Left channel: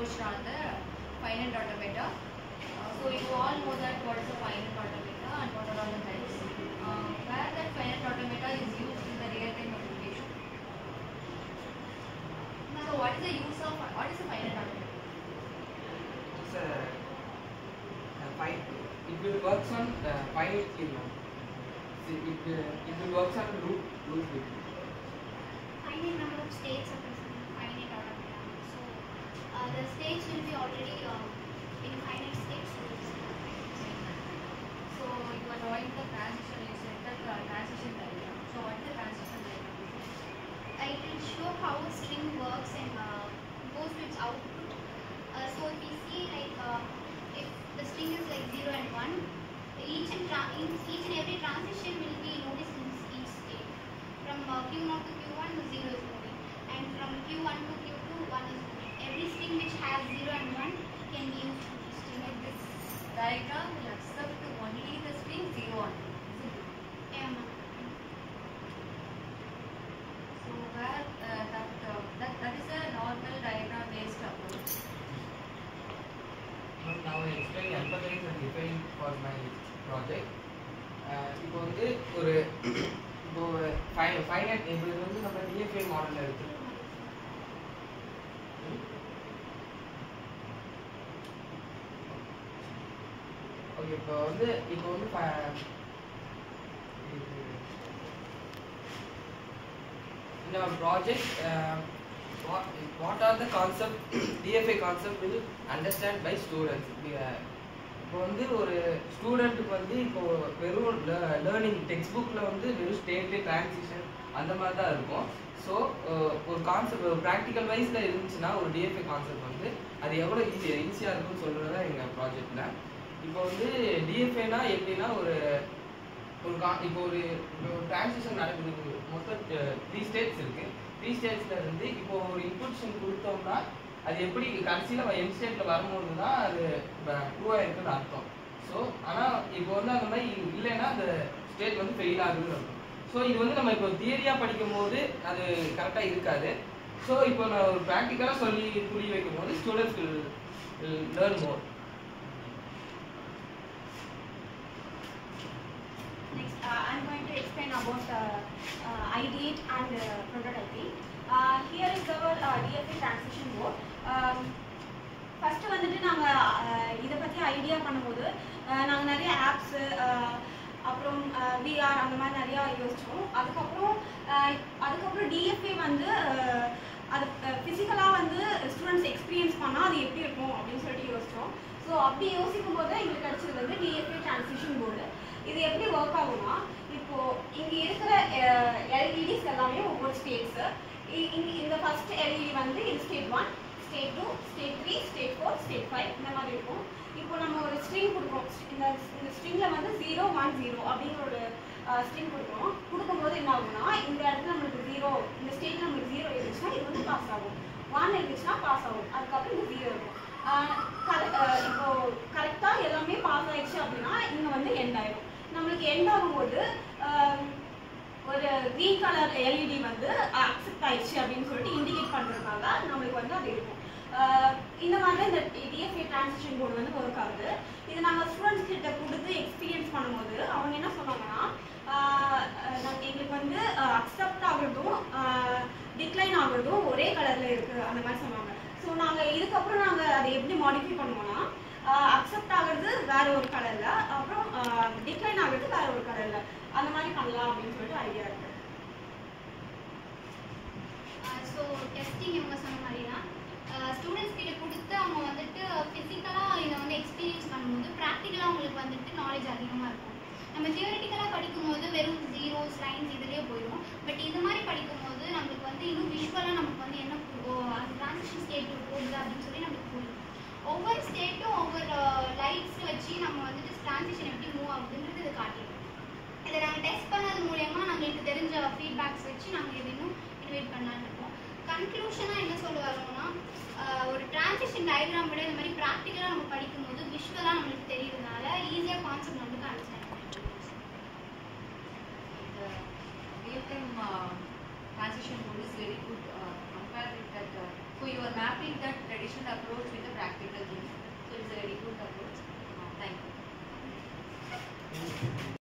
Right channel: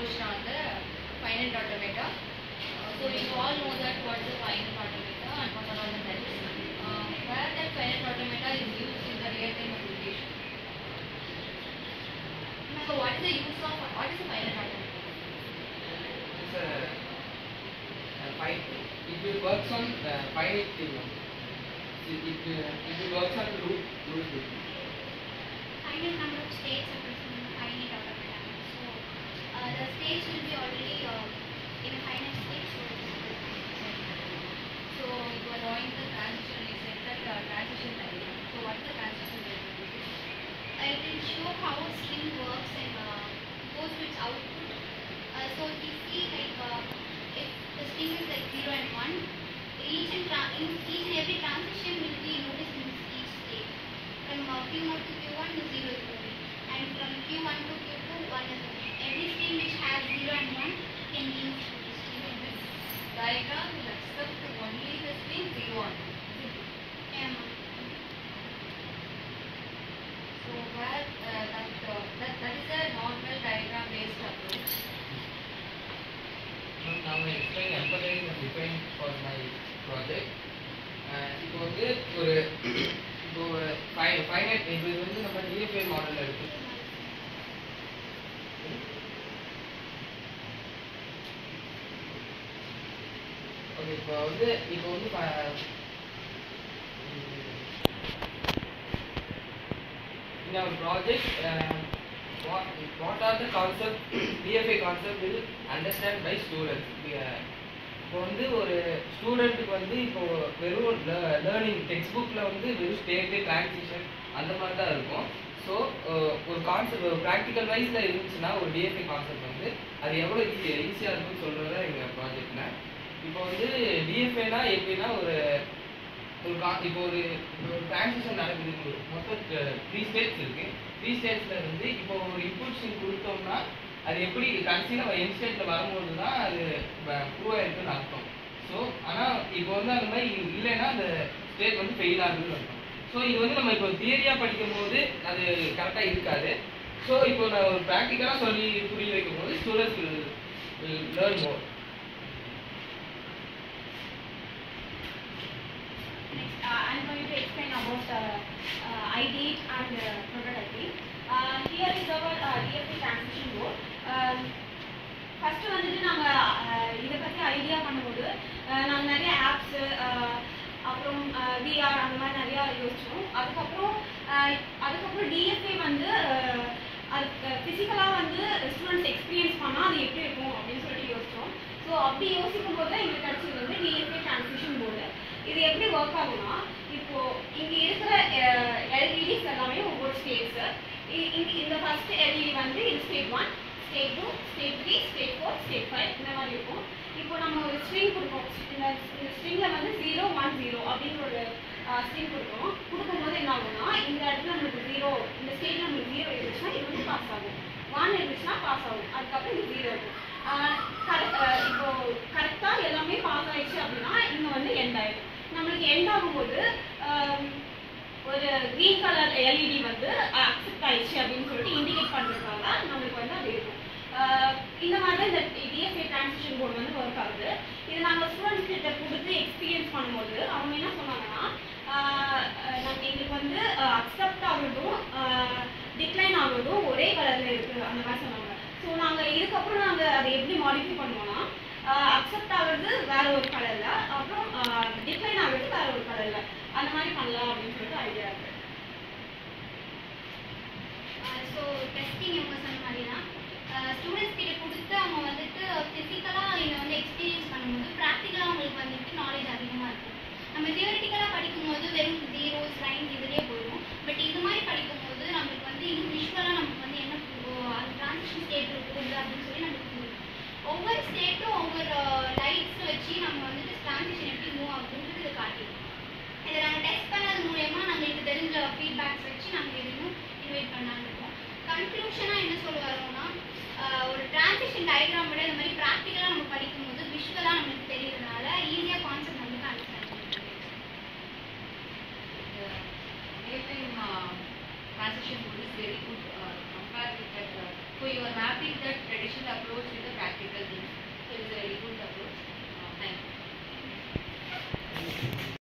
approached on the finite automata. So you all know that what is the finite automata and what are all the types. Where that finite automata is used in the real-time application. So what is the use of what is the finite automata? It will work on finite thing. It will work on loop. Finite number of states are present in finite automata. So the states will be already in a finite state. So you are drawing the transition. You said that transition diagram. So what is the transition diagram? It will show how a string works and goes to its output. So if you see like if the string is like 0 and 1, each and every transition will be noticed in each state. From Q0 to Q1, the 0 is moving, and from Q1 to Q2, 1 is moving. Every string which has 0 and 1 can be used for this string. This diagram will accept only the string 0 and 1. Yeah, so where that is a normal diagram based approach. Now I explain empathize and define for my project. இப்போ வந்து ஒரு finite இப்போ இது வந்து நம்ம TFI மாடல்ல இருக்கு. Okay இப்போ வந்து in our project what are the concept DFA concept will understand by students. இப்போ வந்து ஒரு ஸ்டூடெண்ட்டுக்கு வந்து இப்போ வெறும் லேர்னிங் டெக்ஸ்ட் புக்கில் வந்து வெறும் ஸ்டேட்டு டிரான்சிஷன் அந்த மாதிரி தான் இருக்கும். ஸோ ஒரு கான்செப்ட் ப்ராக்டிக்கல் வைஸில் இருந்துச்சுன்னா ஒரு டிஎஃப்ஐ கான்செப்ட் வந்து அது எவ்வளோ ஈஸியாக இருக்கும்னு சொல்கிறது தான் எங்கள் ப்ராஜெக்டில். இப்போ வந்து டிஎஃப்ஐனா எப்படின்னா இப்போ ஒரு டிரான்சிஷன் நடக்குது. மொத்தம் 3 ஸ்டேட்ஸ் இருக்குது. 3 ஸ்டேட்ஸில் இருந்து இப்போ ஒரு இன்புட்ஷன் கொடுத்தோம்னா அது எப்படி கடைசியில் என் ஸ்டேட்டில் வரும்போது தான் அது ப்ரூவ் ஆகிருக்குன்னு அர்த்தம். ஸோ ஆனால் இப்போ வந்து அந்த மாதிரி இல்லைன்னா அந்த ஸ்டேட் வந்து ஃபெயில் ஆகுதுன்னு அர்த்தம். ஸோ இது வந்து நம்ம இப்போ தியரியாக படிக்கும் போது அது கரெக்டாக இருக்காது. ஸோ இப்போ நான் ஒரு ப்ராக்டிக்கலாக சொல்லி புரிய வைக்கும் போது students will learn more. Next, I'm going to explain about ideate and prototyping. Here is our DFA transition board. First வந்துட்டு நாங்கள் இதை பற்றி ஐடியா பண்ணும்போது நாங்கள் நிறைய ஆப்ஸு அப்புறம் விஆர் அந்த மாதிரி நிறையா யோசித்தோம். அதுக்கப்புறம் டிஎஃப்ஏ வந்து அது ஃபிசிக்கலாக வந்து ஸ்டூடெண்ட்ஸ் எக்ஸ்பீரியன்ஸ் பண்ணால் அது எப்படி இருக்கும் அப்படின்னு சொல்லிட்டு யோசித்தோம். ஸோ அப்படி யோசிக்கும் போது தான் எங்களுக்கு கிடச்சது வந்து டிஎஃப்ஏ டிரான்சிஷன் போர்டு. இது எப்படி ஒர்க் ஆகும்னா, இப்போது இங்கே இருக்கிற எல்இடிஸ் எல்லாமே ஒவ்வொரு ஸ்டேட்ஸு. இந்த ஃபர்ஸ்ட் எல்இடி வந்து இது state 1, state 2, state 3, state 4, state 5 இந்த மாதிரி இருக்கும். இப்போ நம்ம ஒரு ஸ்ட்ரிங் கொடுப்போம். இந்த ஸ்ட்ரிங்கில் வந்து 0, 1, 0 அப்படிங்கிற ஒரு ஸ்ட்ரிங் கொடுக்கும்போது என்ன ஆகும்னா, இந்த இடத்துல நம்மளுக்கு 0, இந்த ஸ்டேட்டில் நம்மளுக்கு 0 இருந்துச்சுன்னா இது வந்து பாஸ் ஆகும். 1 இருந்துச்சுன்னா பாஸ் ஆகும். அதுக்கப்புறம் இது 0 இருக்கும். இப்போ கரெக்டாக எல்லாமே பாஸ் ஆயிடுச்சு அப்படின்னா இங்கே வந்து எண்ட் ஆயிடும். நம்மளுக்கு எண்ட் ஆகும்போது ஒரு க்ரீன் கலர் எல்இடி வந்து அக்செப்ட் ஆயிடுச்சு அப்படின்னு சொல்லிட்டு இண்டிகேட் பண்ணுறதுக்காக நம்மளுக்கு வந்து அது இருக்கும். இந்த மாதிரி தான் இந்த டிஎஃப்ஏ டிரான்சிஷன் போர்டு வந்து ஒர்க் ஆகுது. இது நாங்கள் ஸ்டூடெண்ட்ஸ் கிட்ட கொடுத்து எக்ஸ்பீரியன்ஸ் பண்ணும்போது அவங்க என்ன சொன்னாங்கன்னா, எங்களுக்கு வந்து அக்செப்ட் ஆகுறதும் டிக்ளைன் ஆகுறதும் ஒரே கலரில் இருக்குது அந்த மாதிரி சொன்னாங்க. ஸோ நாங்கள் இதுக்கப்புறம் நாங்கள் அதை எப்படி மாடிஃபை பண்ணுவோம்னா, அக்செப்ட் ஆகுறது வேற ஒரு கலரில், அப்புறம் டிக்ளைன் ஆகுறது வேற ஒரு கலரில், அந்த மாதிரி பண்ணலாம் அப்படின்னு சொல்லிட்டு ஐடியா இருக்கு. ஸோ டெஸ்டிங் இவங்க சொன்ன மாதிரி தான் ஸ்டூடெண்ட்ஸ் கிட்ட கொடுத்து அவங்க வந்துட்டு ஃபிசிக்கலாக இதை வந்து எக்ஸ்பீரியன்ஸ் பண்ணும்போது ப்ராக்டிக்கலாக அவங்களுக்கு வந்துட்டு நாலேஜ் அதிகமாக இருக்கும். நம்ம தியரிட்டிக்கலாக படிக்கும்போது வெறும் ஜீரோஸ் லைன்ஸ் இதுலேயே போயிடும். பட் இது மாதிரி படிக்கும்போது நம்மளுக்கு வந்து இன்னும் விஷுவலாக நமக்கு வந்து என்ன அந்த டிரான்சிஷன் ஸ்டேட் போகுது அப்படின்னு சொல்லி நமக்கு புரியும். ஒவ்வொரு ஸ்டேட்டும் ஒவ்வொரு லைட்ஸ் வச்சு நம்ம வந்துட்டு டிரான்சிஷன் எப்படி மூவ் ஆகுதுன்றது இதை காட்டிடும். இதை நாங்கள் டெஸ்ட் பண்ணது மூலயமா நம்மளுக்கு தெரிஞ்ச ஃபீட்பேக்ஸ் வச்சு நாங்கள் இதையும் இன்வைட் பண்ணலான்னு இருக்கோம். கன்க்ளூஷனாக என்ன சொல்ல வரோம்னா, ஒரு டிரான்சிஷன் டயக்ராம் விட இந்த மாதிரி ப்ராக்டிக்கலாக நம்ம படிக்கும்போது விஷுவலாக நம்மளுக்கு தெரியுறதுனால ஈஸியாக கான்செப்ட் வந்து அண்டர்ஸ்டாண்ட் பண்ணிக்கலாம். Transition board is very good compared with that. So you are mapping that traditional combination approach with the practical things. So it is a very good approach.